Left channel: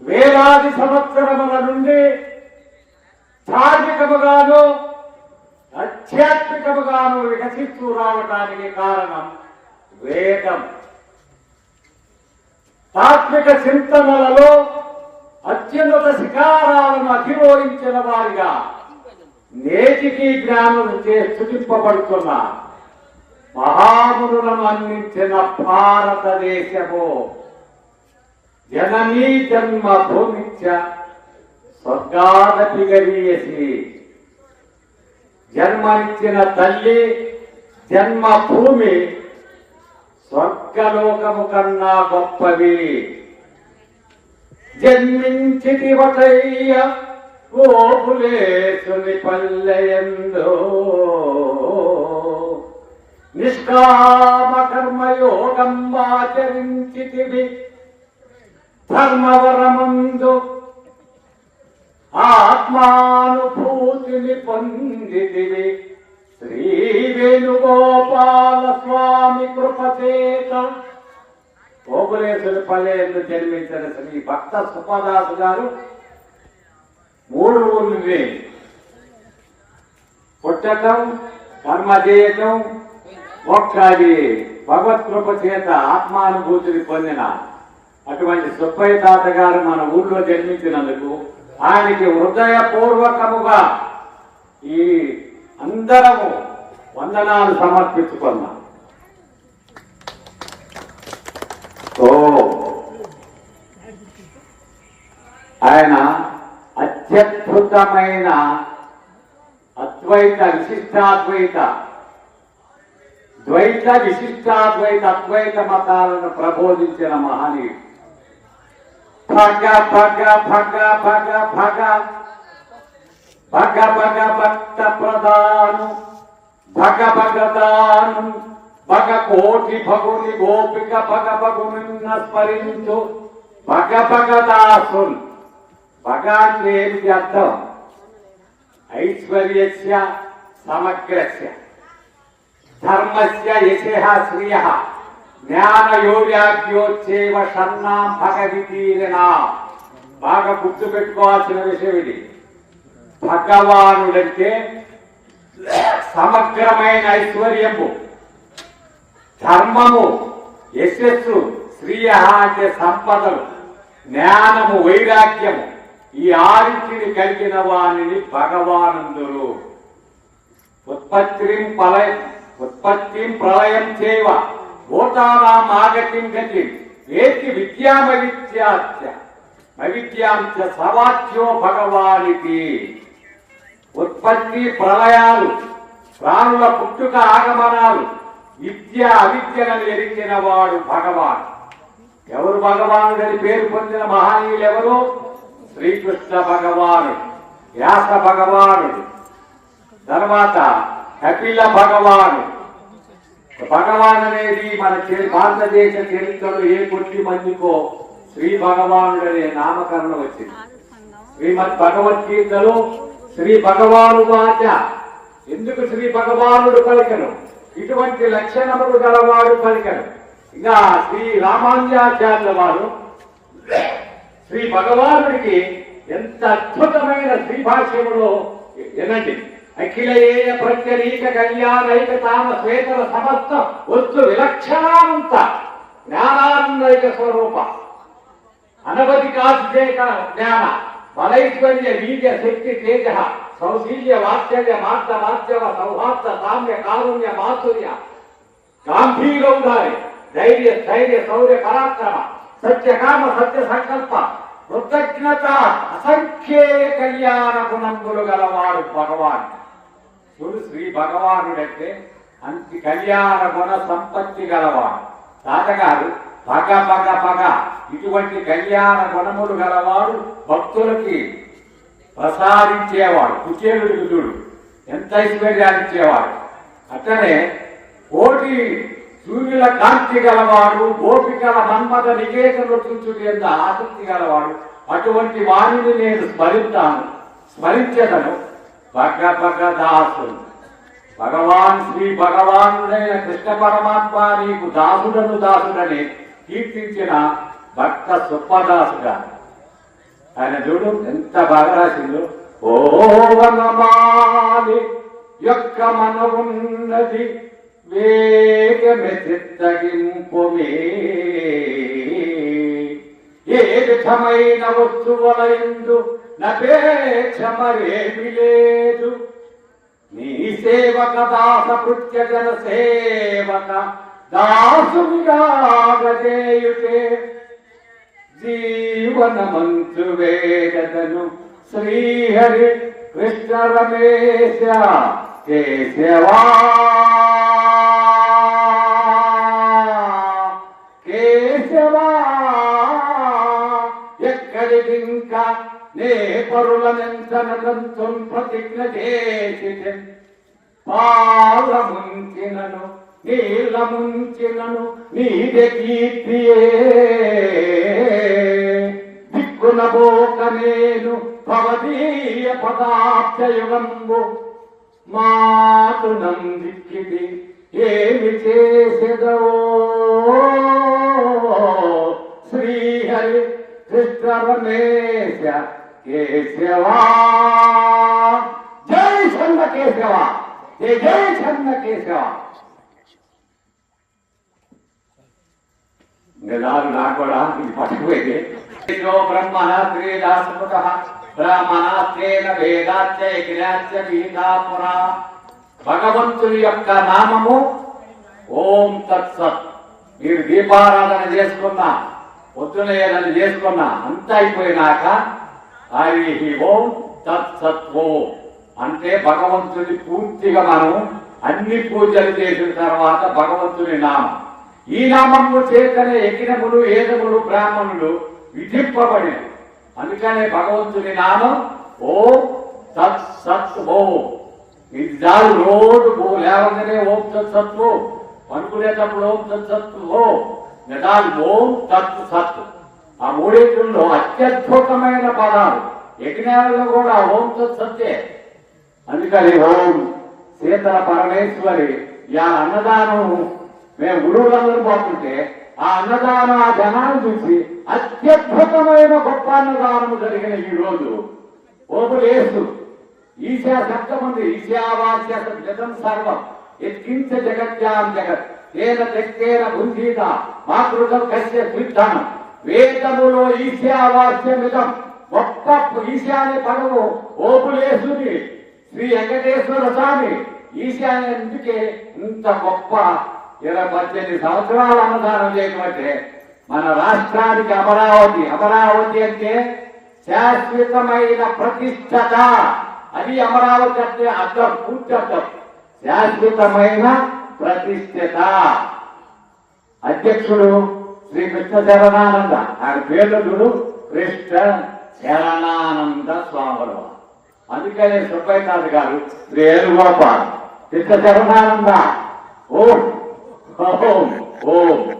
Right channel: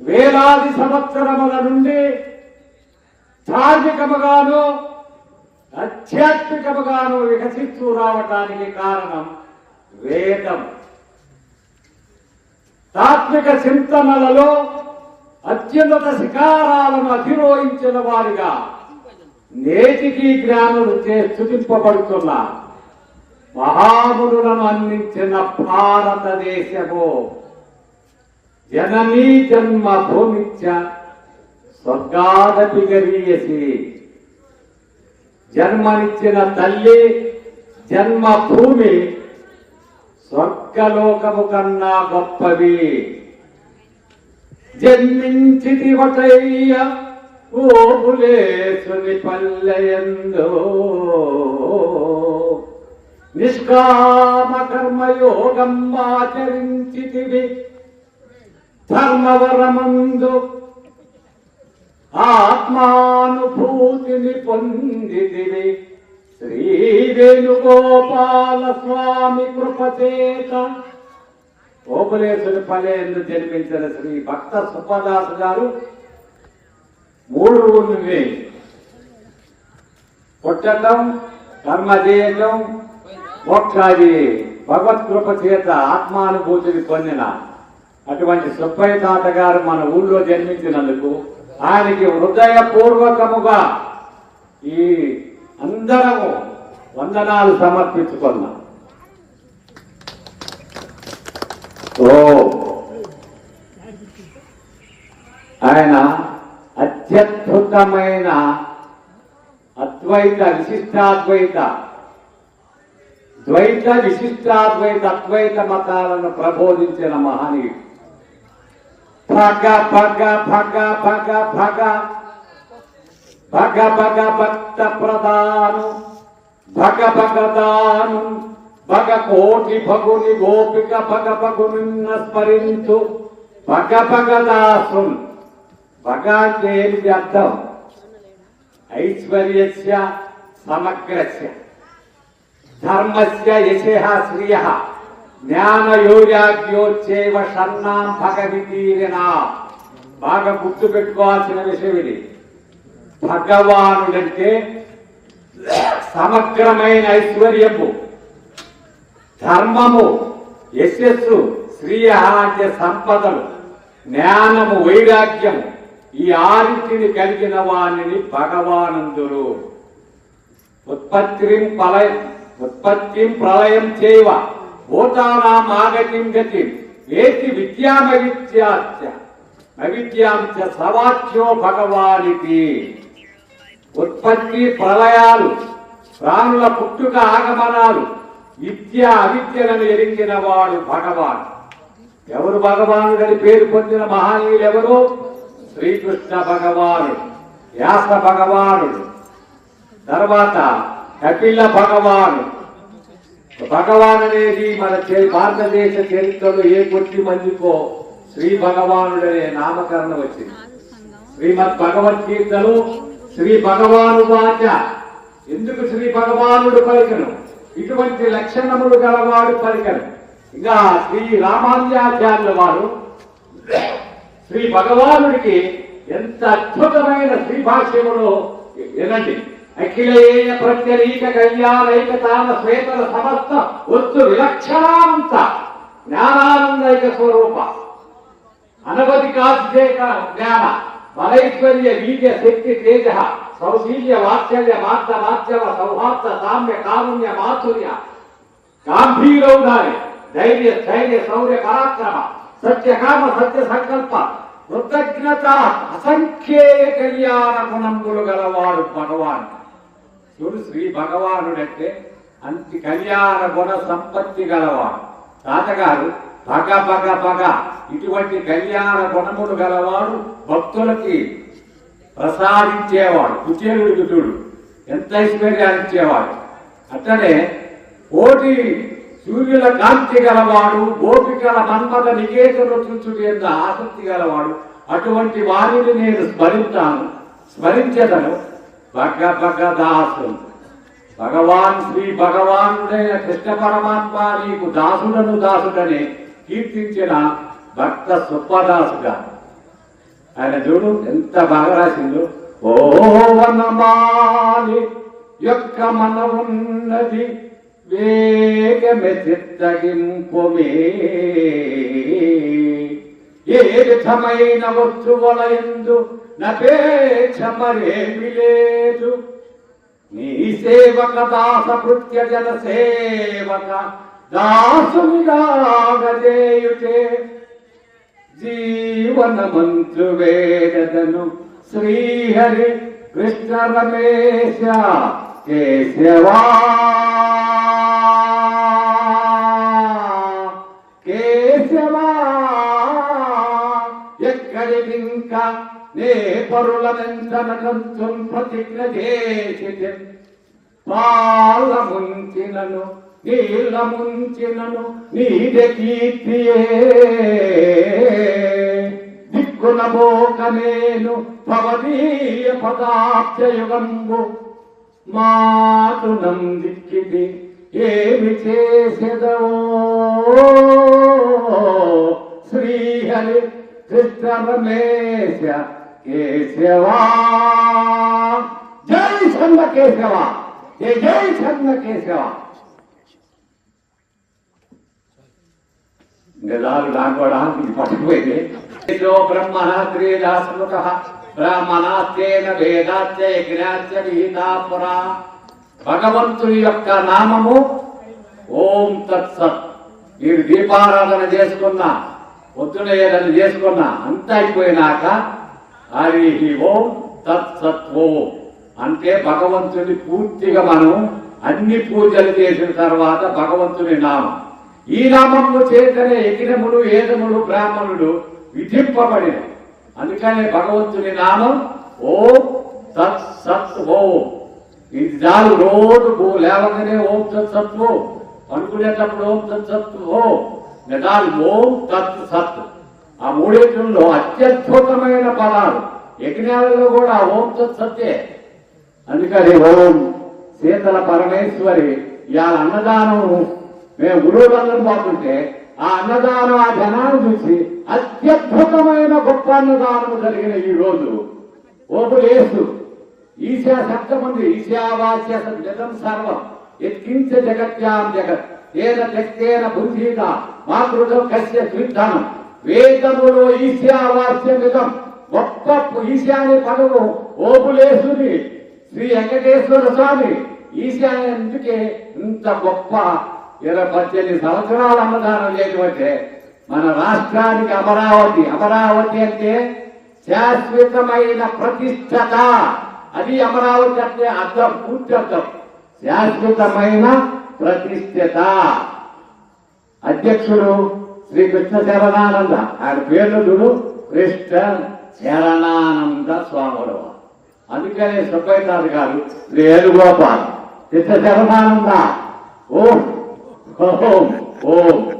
వేలాది సంవత్సరముల నుండి ధార్మికముగాను ఆధ్యాత్మికముగాను వికసిస్తూ రావటానికి కారణం వేదం. తాత్విక చింతనలలో అత్యున్నత శిఖారాలను అధిరోహించిన వారిగా నేటికి జ్ఞానం చే స్థుతింపబడుతున్న మహామునులను అందించిన భారతదేశము. జననీ జన్మ భూమిత్య స్వర్గాదపి గరీయసి. జన్మనిచ్చిన తల్లి జన్మ భూమి స్వర్గలోకము కన్నా గొప్పవి జన్మించిది వటయ్య ఓబులేసుని పల్లెయందో. నిష్కామ కర్మయోగం ఆచరించితివి. ధర్మవరమందు ఆత్మానుభూతిని పొందితివి. శ్రీ వేణుగోపాల స్వామి కృపచేత ఓపలేశ్వరి పల్లెందు జన్మించిన శ్రీ భక్త సుపదాసు గారు మూడు ఊళ్ళని పుట్టటం కర్మ చేయటం ఒక్కది భగవత్ కృప చేత ఆత్మానుభూతిని పొందిన అటువంటి సుబ్బయ్య తాతగారు మన ఊళ్ళో జన్మించినందుకు ఆయనకి హృదయపూర్వకముగా ఈ అందరము వందనాలు సమర్పించుకున్నాం ఓ. ఆయన అత్యద్భుతమైన అద్వైత విశిష్టాద్వైత ద్వైత విశిష్టాద్వైత అద్వైత మతాలను ప్రబోధించిన మహనీయుడు. భగ భగ భగ భగ భగ భగ భగ భక్త ప్రధాను భగ భగదాను భగ కోటి భగుని గోపిక భగ భగునిన్న స్మరించు భగ భగదాసున్ భగ అంటే ఏమిటి అర్థం? ఐశ్వర్యస్య సమగ్రస్య. ధర్మస్య యశః శ్రియ జ్ఞానయోగ్యోచ్చేవ షన్నాం భగవితీరినా. బాగా గుర్తు పెట్టుకోవాల్సిన విషయం ఇది. భగవానుడంటే సమగ్రమైన ఐశ్వర్యము ధర్మము యశస్సు శ్రీయ అంటే సంపదలు జ్ఞానము వైరాగ్యము ఈ ఆరుచిని కలిగిన వాణిని భగవానందురు. ఉత్పత్తిం ప్రళయం ఉత్పత్తిం ప్రళయం చేవ భూతానాం ఆగతిం గతి ఏతి విద్యామవిద్యాచ అవిద్యాంచ సవాచ్యో భగవానికి ఉత్పత్తి ప్రళయాలు ప్రాణుల పుట్టుక ఆగమనాలు విద్య అవిద్యలను ఎరిగిన వాడు భగవాన్. ఎవరు భగవానుడని పేరు పొందిన మహనీయులు ఎవరు శ్రీకృష్ణ భగవానుడు వ్యాస భగవానుడు తర్వాత కపిల భగవాను భగవాన్ అనేది మన చే- భారతదేశ చరిత్రలో ఏ కొట్టి మందికో శ్రీ భగవానుడు అనే నామకరణం వచ్చింది. శ్రీమద్ భగవద్గీతలో శ్రీ భగవాను వాచ. ఎందుకు శ్రీ భగవానుడు పలికను? ఇటువంటి లక్షణములు గలవాడు పలికను. ఇంకా శ్రీ రామానుజాచార్యుల వారు శ్రీ భగవానుడికి ఎంత అద్భుతమైన శ్రీ భాష్యములో వినండి. అఖిలేయ ప్రత్యరీక కళ్యాణైక తామ శ్వేతల సమస్త వస్తు విలక్షణాంత జ్ఞానానందైక స్వరూప అనవధి కాశిచేక జ్ఞాన బలైశ్వర్య వీర్య శక్తి తేజ సౌశీల్య వాత్సల్య మాత్ర మాధ్యమ సౌహార్ద సామ్య కారుణ్య మాధుర్య గాంభీరౌధారి ధైర్య స్థైర్య శౌర్య పరాక్రమ సత్యకామ సత్య సంకల్ప కృతజ్ఞత అసంఖ్యేయ కళ్యాణ గుణములు గలవాడు భగవాన్ చూడు శ్రీ భగవానుడంటే అంతి కళ్యాణ గుణ సంపత్తి గలవాడు. తాతగారు పగ పగ పగ ఇటువంటి కళ్యాణ గుణములు గలవాడు భక్తులకి ప్రసాదించేవాడు. కుచేలుడికి చూడు ఎంత ఐశ్వర్యాలు ఇచ్చేవాడు అట్లనే కోటి సూర్యుల కాంతి గలవాడు గోపికల మన్మద నికేతను చూచుడు ఎంత ఆసక్తి గలవాడు. అటువంటి వారిని నేను స్మరించాను స్మరించేదను పక్క పక్క దాసు భగవాన్ శ్రీ భగవానుడైన కృష్ణ పరమాత్మ నీకు దాసుడను దాసుడని కీర్తించిన భక్త సుప్పదాసుగా ఆయన చూడు ఎంత బాగా రాసిందో ఓ వనమాలి యొక్క మన ఉన్నది వేగమె చిత్తగింపుమే ఏ విధమైన వస్తువుల ఎందు నపేక్ష మరేమి లేదు. నీ సేవక దాస కృత్య జన సేవక దాసునిగాగదేయుటే జీవన మంత్రు వేదను శ్రీహరి కృష్ణ రమేశ కేశవా నే పరులనెంతనకంతం ప్రతిజ్ఞ చేసి పాల ముంచినను నీల ముంచినను నీదే కీర్తియే. దిక్కున బోక నేను భవదీయ పదార్థయుగంబు మాటు నందిక్కిది ఏమి చేసెదవో? శ్రీహరి కృష్ణ కేశవా. జై చంద కేశవ. జై జై చంద కేశవ. గదాలు నాకోడా కూడా ఇది పట్టుకుపోయింది. ఏదో బ్రహ్మణ శ్రీరాస్ముఖ బ్రాహ్మణాస్తేన వేదాచ యజ్ఞాచ విహితాపురా. భగవంతుని యొక్క నామము ఓం తత్సత్. మీరు దీపారాధన చేసుకున్నా పొద్దున ఏదైనా చేసుకున్నా అంత అయిపోయినాక హరి ఓం తత్సత్వో. అంటే భగవంతుని పూర్తిగా మనం అన్ని పూజలు చేసిన తర్వాత భగవంతుని నామం. ఈ నామంలో చేతనే యజ్ఞములు ఏదములు బ్రాహ్మణులు విధింపబడినవి. అందుకనే భగవంతుని నామం ఓం తత్ సత్ ఓం ఇది చాలు రోజు ఓ లేవగానే ఓం తత్ సత్ ఓం అనుకునేటప్పుడు ఓం తత్ సత్ ఓం నిదాలు ఓం తత్ సత్. ఆ మూడింటిలో అత్యద్భుతమైన పదాలు. యజ్ఞాలలో కూడా ఓం తత్ సత్యే. అందుకని ఓం శీతల పరమేశ్వరి ఇవాళ అన్నదానము మేము గురువులందరూ బాగుంటే ఆ అన్నదానం ఆ జనాన్ని చూసి అత్యద్భుతమైన గొప్ప అన్నదానం జరిగిన ఈ రోజు ఓపులేసు. ఈశా సప్తమంది ఈశావాస్య జగం సర్వం. ఎత్కించ జగత్యాం జగత్. ఏన తెక్కేన బుద్ధీత మాతృకం కశ్య సిద్ధనం వేదములో ఈశావాస్యమితం గొప్ప ఈశాన్య పదము ఓపులేసుని శ్రీ వెంకటేశ్వర స్వామి ఈశాన్యందుకే ఇంత గొప్ప ఇరవై పద్దెనిమిది సంవత్సరాలు అన్నదానం చేయటమంటే మన రాష్ట్రానికి అమరావతి. అమరావతి అంటే శాశ్వతమైన ప్రతిష్టత. అది అమరావతి అంటే అర్థం పూర్తి అర్థం. శాశ్వతమైన ప్రతిష్ఠత. అధ్యక్షుడు శ్రీ కృష్ణ శరణానంద ఆయన పేర్లు చూడు. కృష్ణ శరణానంద స్వాములు. అందుకనే సుబ్బైనాథ్ గారు శ్రీ ఏనుగోపాల్ కృష్ణ శరణానంద ఓం. ఓం. ఓం.